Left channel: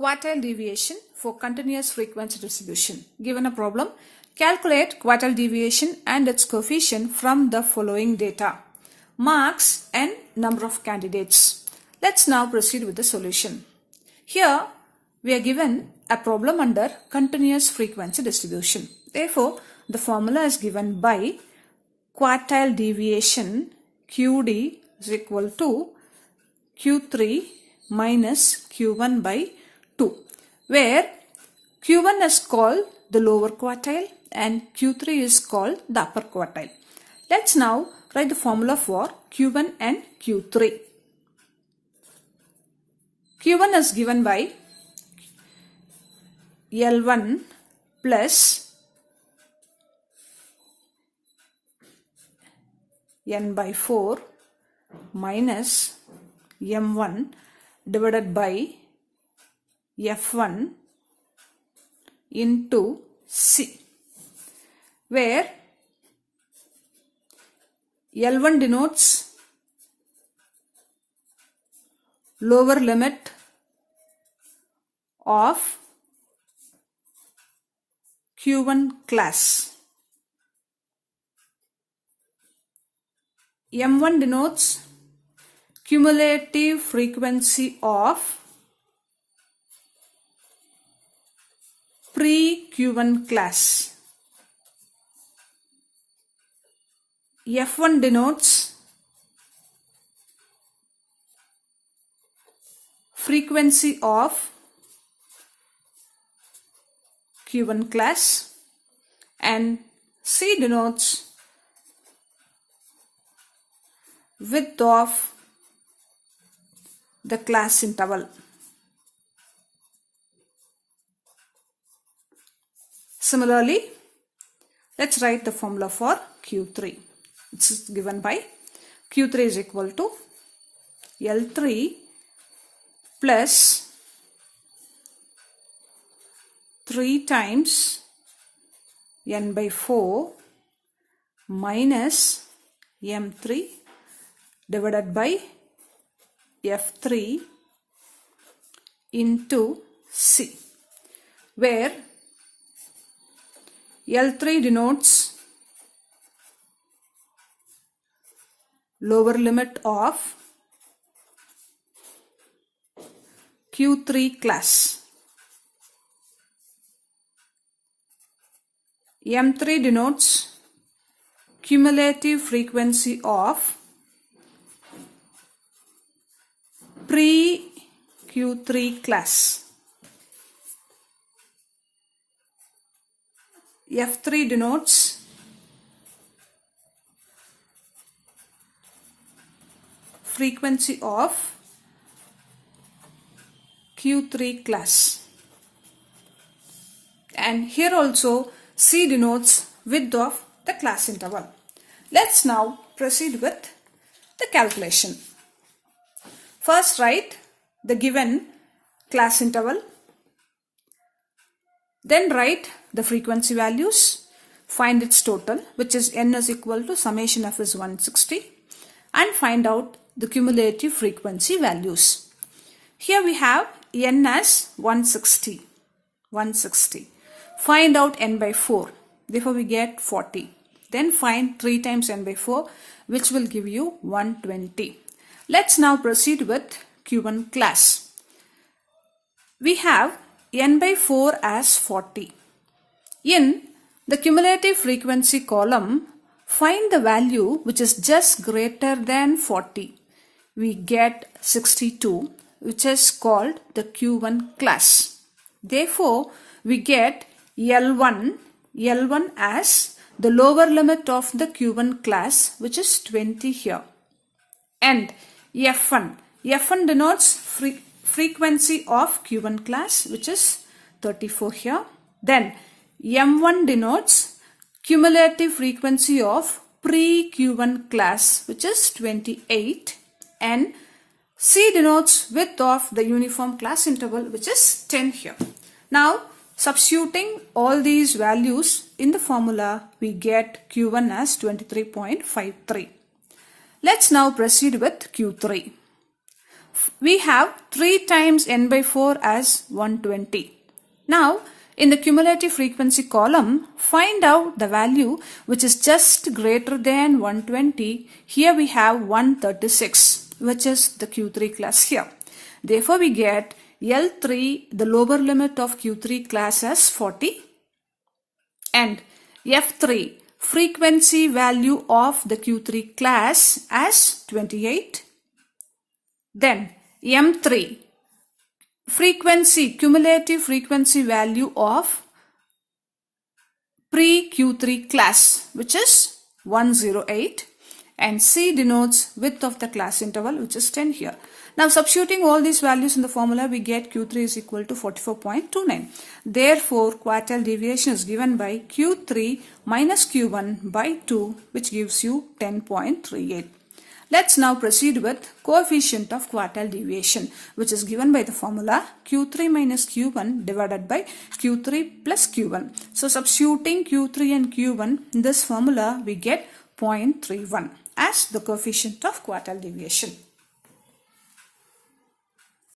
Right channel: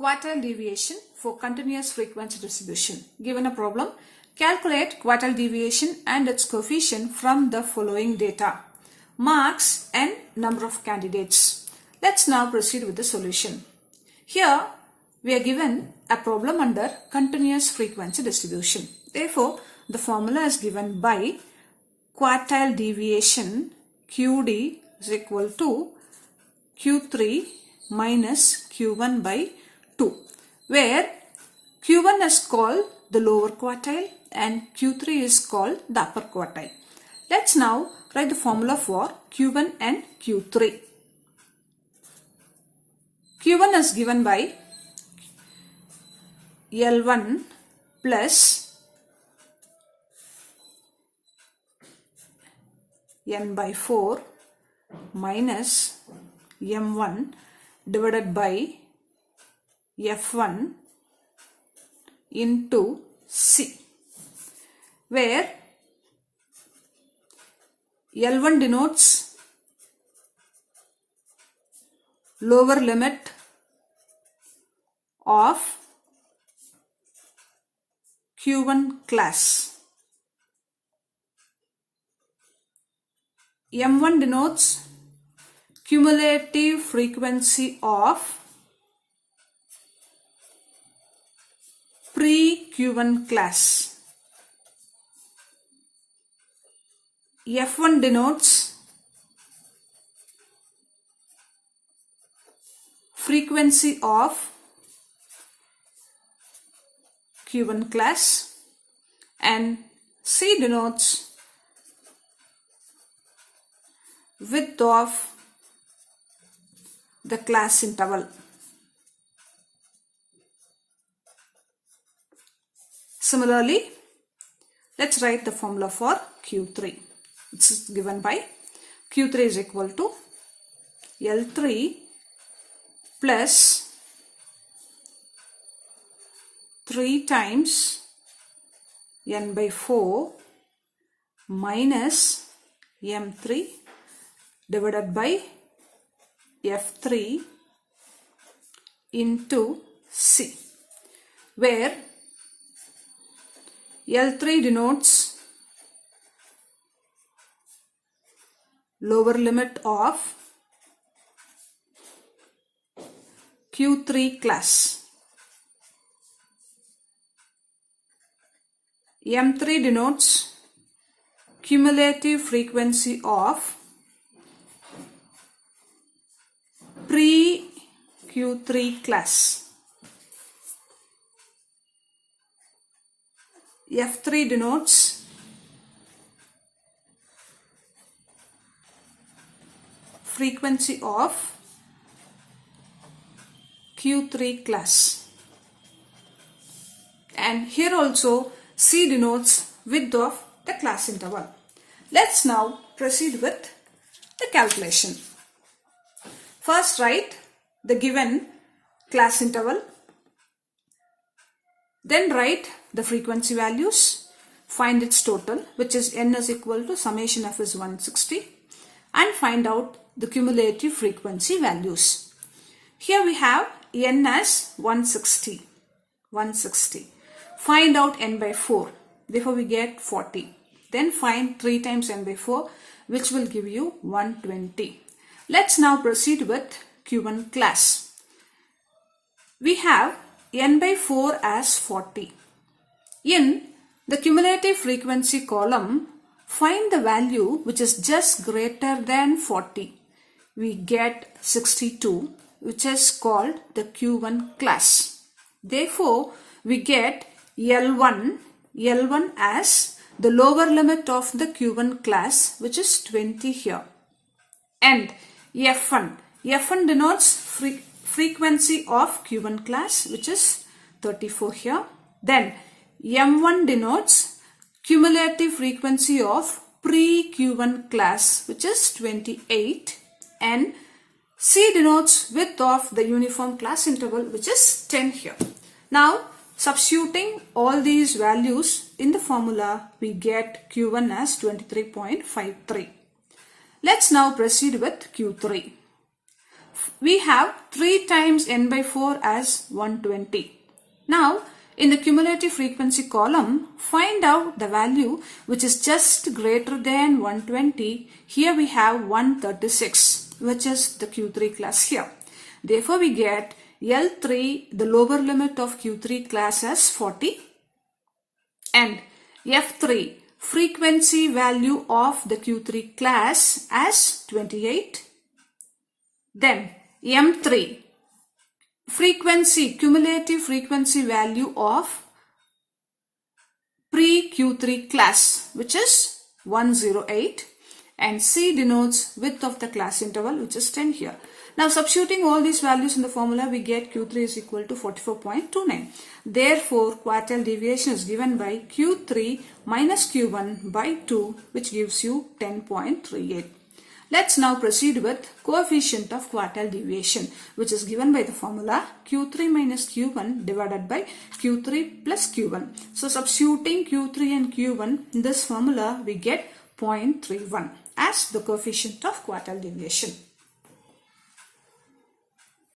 Quartile deviation for continuous frequency distribution. Given a problem, calculate quartile deviation and its coefficient from the following data. Marks and number of candidates. Let's now proceed with the solution. Here we are given a problem under continuous frequency distribution. Therefore, the formula is given by quartile deviation QD is equal to Q3 minus Q1 by 2, where Q1 is called the lower quartile and Q3 is called the upper quartile. Let's now write the formula for Q1 and Q3. Q1 is given by L1 plus N by 4 minus M1 divided by F1 into C, where L1 denotes lower limit of Q1 class. M1 denotes cumulative frequency of pre-Q1 class. F1 denotes frequency of Q1 class, and C denotes width of the class interval. Similarly, let's write the formula for Q3, which is given by Q3 is equal to L3 plus 3 times N by 4 minus M3 divided by F3 into C, where L3 denotes lower limit of Q3 class. M3 denotes cumulative frequency of pre-Q3 class. F3 denotes frequency of Q3 class, and here also C denotes width of the class interval. Let's now proceed with the calculation. First write the given class interval, then write the frequency values, find its total, which is n is equal to summation f is 160, and find out the cumulative frequency values. Here we have n as 160. Find out n by 4, therefore we get 40. Then find 3 times n by 4, which will give you 120. Let's now proceed with Q1 class. We have n by 4 as 40. In the cumulative frequency column, find the value which is just greater than 40. We get 62, which is called the Q1 class. Therefore, we get L1 as the lower limit of the Q1 class, which is 20 here. And F1 denotes frequency of Q1 class, which is 34 here. Then M1 denotes cumulative frequency of pre-Q1 class, which is 28, and C denotes width of the uniform class interval, which is 10 here. Now, substituting all these values in the formula, we get Q1 as 23.53. Let's now proceed with Q3. we have 3 times n by 4 as 120. Now, in the cumulative frequency column, find out the value which is just greater than 120. Here we have 136, which is the Q3 class here. Therefore, we get L3, the lower limit of Q3 class as 40, and F3, frequency value of the Q3 class as 28. Then M3, cumulative frequency value of pre-Q3 class, which is 108, and C denotes width of the class interval, which is 10 here. Now substituting all these values in the formula, we get Q3 is equal to 44.29. Therefore, quartile deviation is given by Q3 minus Q1 by 2, which gives you 10.38. Let's now proceed with coefficient of quartile deviation, which is given by the formula Q3 minus Q1 divided by Q3 plus Q1. So substituting Q3 and Q1 in this formula, we get 0.31 as the coefficient of quartile deviation.